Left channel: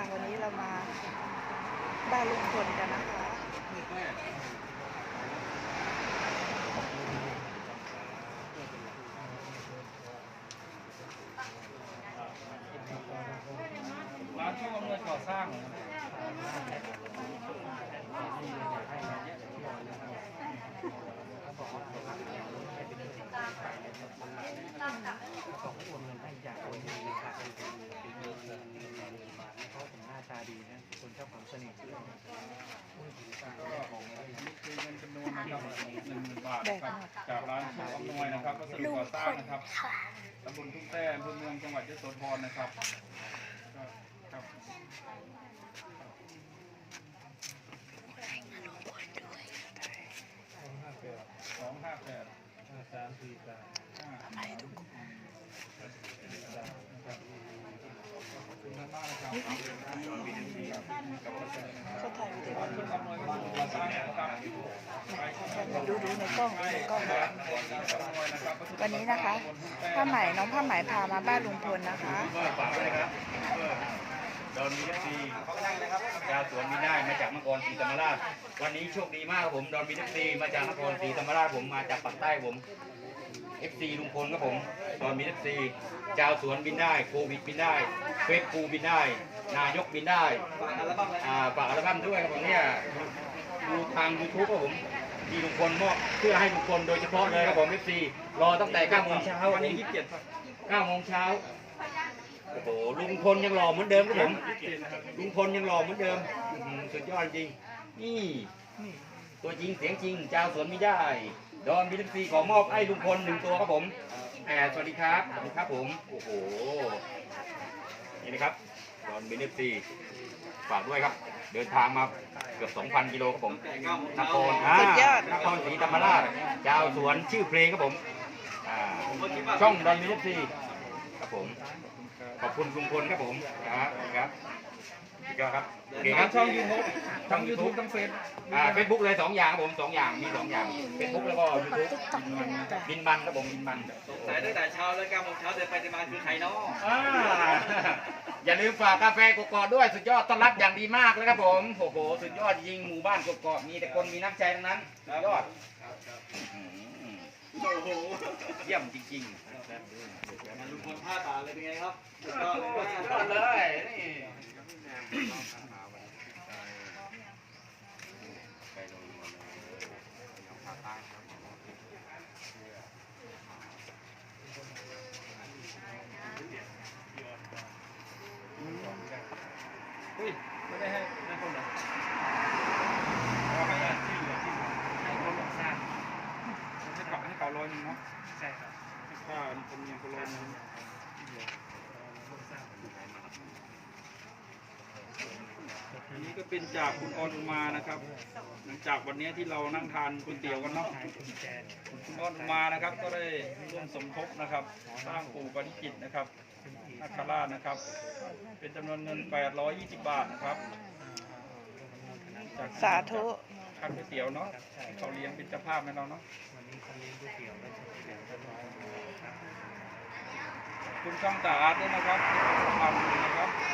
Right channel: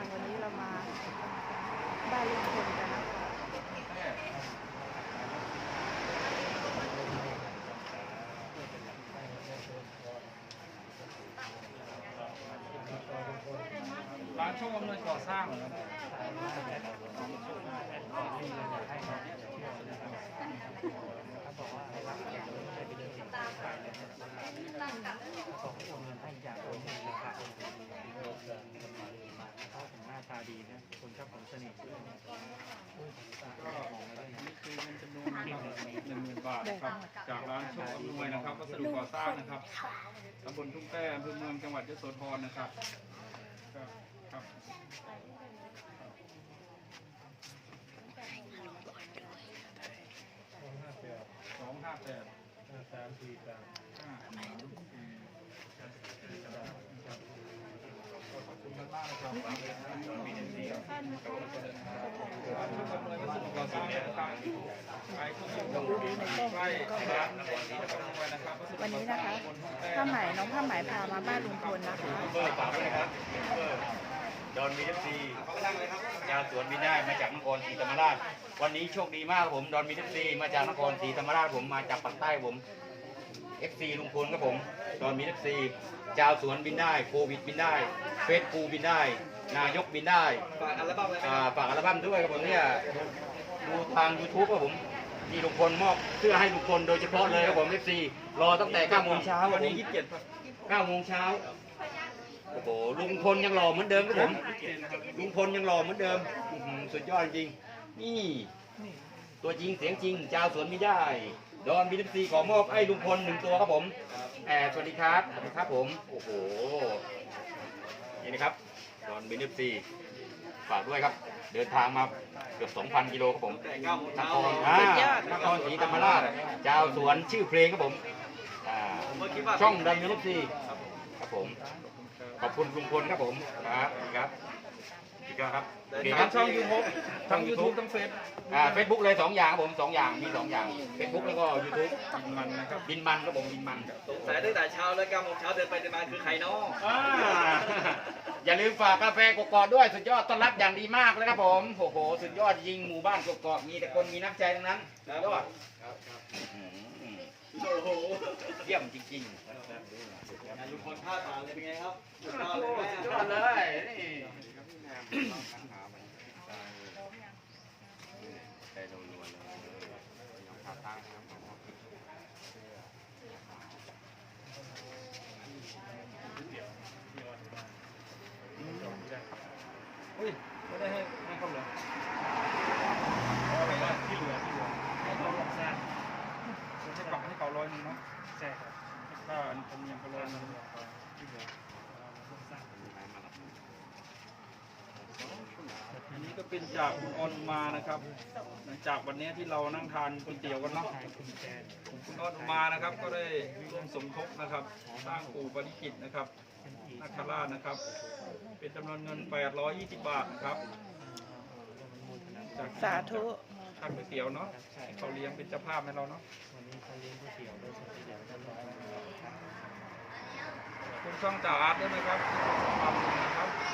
ค่ะ วันนี้เรามาบ้านลุงพลกันนะคะร้านโชคอำนวยก่อสร้างนะครับโอนเงินให้อยากโอนเงินเลยค่ะเพราะผมหน้าตา ดีนะ คนชอบผมเสน่ห์อุ้ยผมแยกมองไม่ได้วยนะนี่คือเงินจำนวนนะครับหนึ่งหมื่นบาทนะครับจากร้านโชคอำนวยนะครับวัสดุก่อสร้างนะครับตำบลทุ่งแต้อำเภอเมืองจังหวัดยโสธรนะครับก็ครับสองห้าแปดสามสี่สาม ห้าขอบคุณมากนะครับมีเอ็มดีครับกับวัสดุนะครับ ก็ถ่ายวิดีโอ ร้านโชคอำนวยวัส ลองดูดูในกล้องดูในกล้องวันนี้นะคะผ้าไหมน้องผ้าไหมพามาบ้านลุงพลนะคะเบอร์ฝากด้วยนะครับเบอร์ดอนมีเอฟซียาสวนมีได้มาจากนครศรีธรรมราช วันนี้โชคดีมากครับผมดอนมีเอฟซีมาจากนครศรีธรรมราชผมมาจากปากใต้ผมเอฟซีลุงพลครับผมดอนมีเอฟซีชาวสวนบินได้โควิดบินได้เฟสปูบินได้ นายกบินได้ฝากอัลบั้อ่าฝากอัลบั้มด้วยครับผมเนี่ย ดูทางยูทูบครับผมมีลุงพลมอบเพื่อให้ลุงพลโดยเฉพาะเลยครับผมเอฟซีรอตั้งแต่9โมงเช้าวันนี้ยี่สิบเจ็ดครับ9โมงเช้าโอ้โหลุงพลยังหล่อเหมือนเดิมครับผมยี่สิบเจ็ดนะครับลุงพลยังหล่อเหมือนเดิมอื้อหือสุดยอดจริงนี่ ตัวจริงเสียงจริงเจ้าสวนมิได้ดอนบิลซีขอมอบให้ลุงพลหนึ่งตัวครับผมแอบสวัสดีครับสวัสดีครับผม โอ้โห นี่นะครับดอนบิลซี ฝากด้วยครับ เดินทางมาเกือบ 2,000 กิโลครับผมนครสุดยอดนครศรีธรรมราชเจ้าสวนชื่อเพลงครับผมอ่าช่องดอนบิลซีครับผม ขอบคุณลุงพลครับผมครับครับ อีกแล้วครับโอเคคทารังบช่องยูทูบทั้งยูทูบทั้งเฟซอ่าเฟซบุ๊กเลยสองอย่างครับผมสองอย่างมีสองอย่างเฟซบุ๊กแล้วก็ยูทูบบินมันนะครับบินมันครับผมบินมันสายตั้งแต่เช้าแล้ว9โมงเช้าเดินไปเดินมาคือใครเนาะอ่าอย่าลืมฝากกาแฟกกอกด้วยสุดยอดต้อนรับอย่างดีมากเลยครับผมโอ้โหสุดยอดจริงหมู่บ้านกกอกมีแต่คนมีน้ำใจทั้งนั้นสุดยอดอื้อหือโอ้โหเยี่ยมจริงลุงพลท่าตาเลยเป็นไงครับสุดยอดๆเลย สุดยอดเลยนี่ เฮ้ยไม่ได้ให้ให้คนเลยเอาไปที่เหลือที่เหลือให้เขาก่อสร้างให้เกาะให้เกาะร้อยหนึงเนาะใช่ครับค่าธรรมเนียมก็ร้อยหนึงอันนี้ ก็เป็นจากคุณออนอุมานะครับ หลังจากวันนี้ที่เรานั่งทานก๋วยเตี๋ยวกันเนาะทางคุณแจนคุณออนอุมานะครับ ก็ได้ร่วมสมทบนะครับ สร้างปู่ปฏิจิตรนะครับคุณอีกนาคราชนะครับ เป็นจำนวนเงิน 820 บาทนะครับจากสาธุทานก๋วยเตี๋ยวเนาะที่เขาเลี้ยงเป็นเจ้าภาพให้เราเนาะวันนี้เขาเลี้ยงก๋วยเตี๋ยวด้วยก๋วยเตี๋ยวตลอดครับคุณช่องตาอาร์ตด้วยนะครับที่